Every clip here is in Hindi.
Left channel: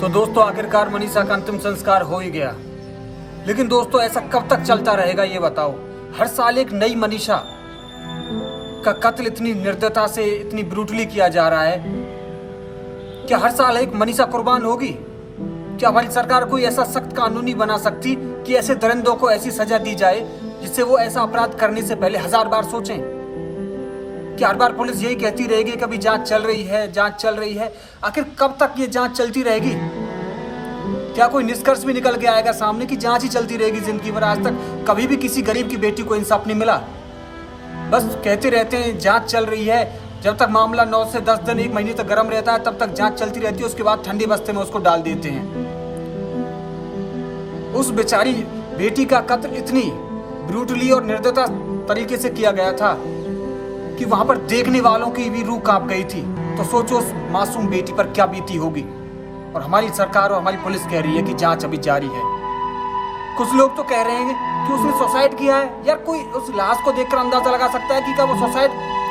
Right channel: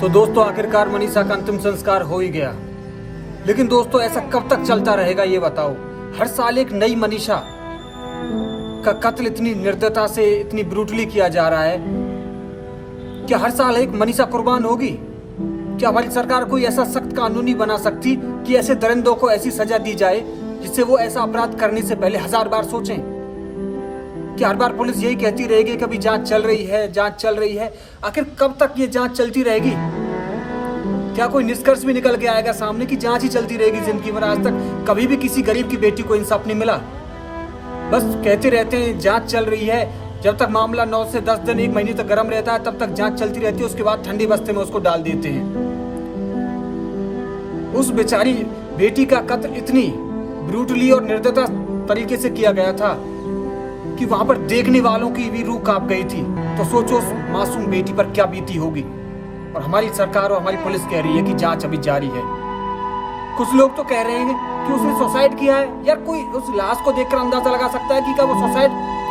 तो दोस्तों आखिरकार मनीषा का अंतिम संस्कार हो ही गया। लेकिन दोस्तों ऐसा कब तक चलता रहेगा ये बताओ। हर साल एक नई मनीषा का कत्ल इतनी निर्दयता से, इतनी ब्रूटली किया जा रहा है। क्या हर साल एक मनीषा कुर्बान होगी? क्या हमारी सरकार कोई ऐसा सख्त कानून नहीं बना सकती कि ऐसे दरिंदों को ऐसी सजा दी जाए जिससे वो ऐसा अपराध करने से पहले 1000 बार सोचें? कि हर बार पुलिस यही कहती रहेगी कि अभी जांच चल रही है, जांच चल रही है। आखिर कब तक ये जांच चलती रहेगी? क्या कोई निष्कर्ष भी निकल के आएगा सामने कि जांच ही चलती रहेगी जिंदगी भर? आज तक कभी भी किसी गरीब की बेटी को इंसाफ नहीं मिला। बस कहते रहते हैं जांच चल रही है। जब तक मामला 9 से 10 दिन, 1 महीने तक गर्म रहता है तब तक जांच चलती रहती है। उसके बाद ठंडी बस्ते में उसको डाल देते हैं। उस बेचारी बेटी का कत्ल इतनी ब्रूटली और निर्दयता तरीके से किया गया था कि वहां पर देखने वालों की भी रूह कांप गई थी। तो सोचो उस मासूम बेटी पर क्या बीती होगी। और हमारी सरकार और हमारी पुलिस कह रही है कि जांच अभी जारी है। कुछ लोग तो कह रहे हैं कि उसने सुसाइड किया है। यार कोई उस लाश को देखकर अंदाजा लगा सकता है कि क्या वो सुसाइड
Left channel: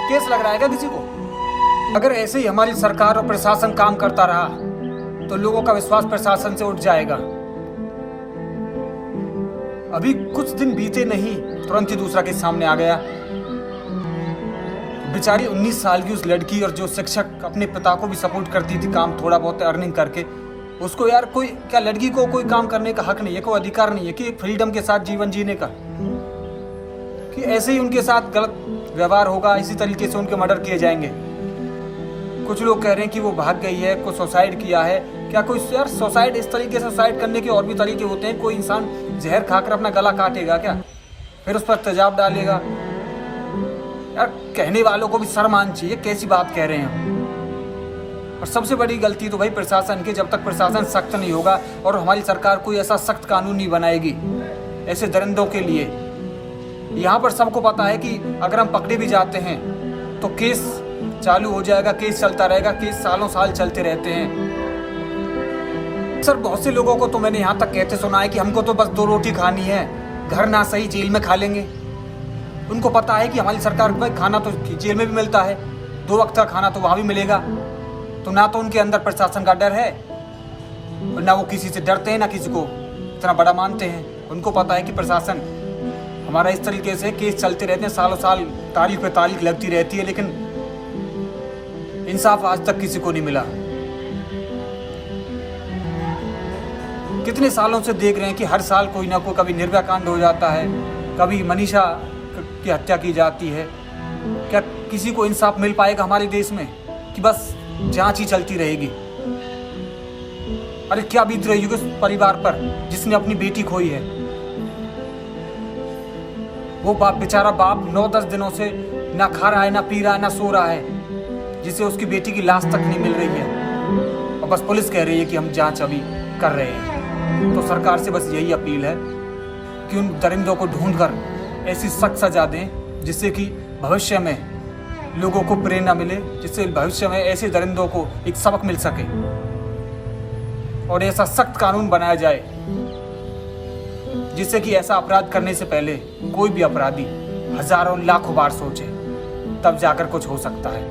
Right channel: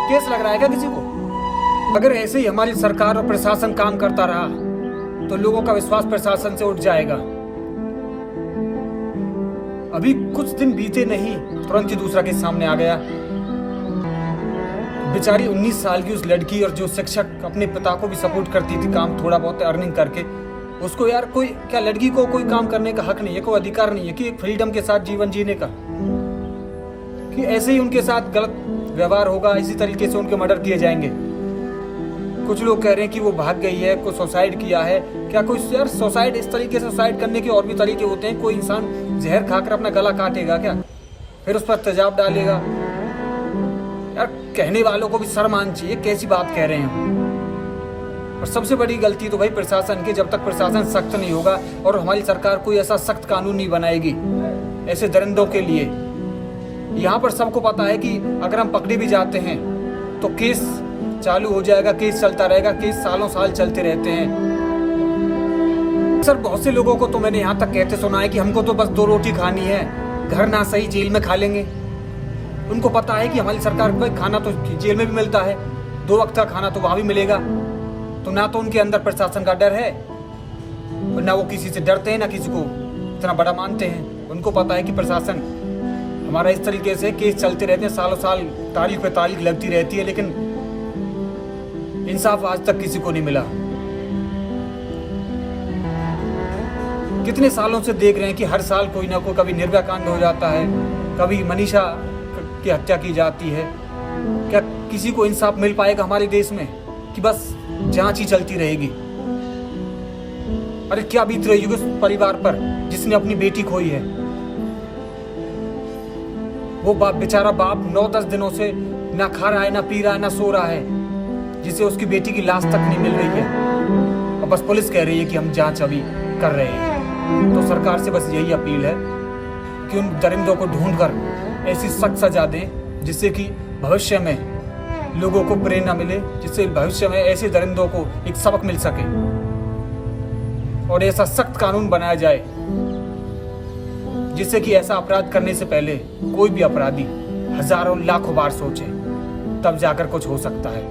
केस लग रहा है क्या किसी को? अगर ऐसे ही हमारी सरकार और प्रशासन काम करता रहा तो लोगों का विश्वास प्रशासन से उठ जाएगा। अभी कुछ दिन बीते नहीं, तुरंत ही दूसरा केस सामने आ गया। बेचारी 19 साल की उस लड़की, और जो शिक्षक अपने पिता को भी सपोर्ट करती थी काम थोड़ा बहुत अर्निंग करके, उसको यार कोई क्या लड़की को कोई काम करने का हक नहीं है, कोई अधिकार नहीं है कि एक फ्रीडम के साथ जीवन जीने का? कि ऐसे ही उनके साथ गलत व्यवहार होगा, इसी तरीके से उनके मर्डर किए जाएंगे। कुछ लोग कह रहे हैं कि वो भाग गई है, कोई सुसाइड किया है। क्या कोई यार सुसाइड इस तरीके से सुसाइड करने के और भी तरीके होते हैं? कोई इंसान जहर खाकर अपना गला काटेगा क्या? फिर उस पर तेजाब डालेगा? यार कहने वालों को भी शर्म आनी चाहिए, कैसी बात कह रहे हैं। और सबसे बड़ी गलती तो भाई प्रशासन की। जब तक प्रशासन सख्त नहीं होगा और हमारी सरकार कोई ऐसा सख्त कानून नहीं बनाएगी ऐसे दरिंदों के लिए। यहाँ पर सबको पता है कि अगर हम पकड़े भी जाते हैं तो केस चालू हो जाएगा, केस चलता रहेगा। केस सालों साल चलते रहते हैं। सर बहुत से लोगों को तो मैंने यहाँ तक कहते सुना है कि हमको तो बस 2 रोटी खानी है, घर ना सही जेल में खा लेंगे। उनको पता है कि हमारी सरकार भाई खाना तो जेल में भी मिलता है, 2 वक्त का खाना तो वहाँ भी मिलेगा। तो ना तो उनके अंदर प्रशासन का डर है और ना वो किसी से डरते हैं, ना किसी को इतना बड़ा मानते हैं। उनको पता है कि प्रशासन हमारा इस तरीके से केस चलते रहते हैं, सालों साल तारीख पे तारीख लगती रहती है, लेकिन इंसाफ आज तक किसी को नहीं मिला। कितने सालों से देख रहे हैं कि हर साल कोई ना कोई, कभी निर्भया कांड हो जाता है, कभी मनीषा की हत्या की जाती है। क्या किसी को इंसाफ मिल पाएगा हमारे देश में कि बस जांच ही चलती रहेगी? अरे क्या बीत रही होगी उस परिवार पर जिसने अपनी बेटी खोई है। वो बेचारा बाप 9-10 दिनों से ना खा रहा है, ना पी रहा है, ना सो रहा है, जिसे उसकी बेटी की लाश तक नहीं मिल रही है। और बस पुलिस कह रही है कि हम जांच अभी कर रहे हैं। तो सरकार से बस यही अपील है कि उन दरिंदों को ढूंढकर ऐसी सख्त सजा दें जिससे कि भविष्य में लोगों को प्रेरणा मिले, जिससे भविष्य में ऐसे दरिंदों को एक सबक मिल सके और ऐसा सख्त कानून बनाया जाए जिससे कि ऐसा अपराध करने से पहले कोई भी अपराधी हजारों लाखों बार सोचे, तब जाकर कुछ हो सकता है।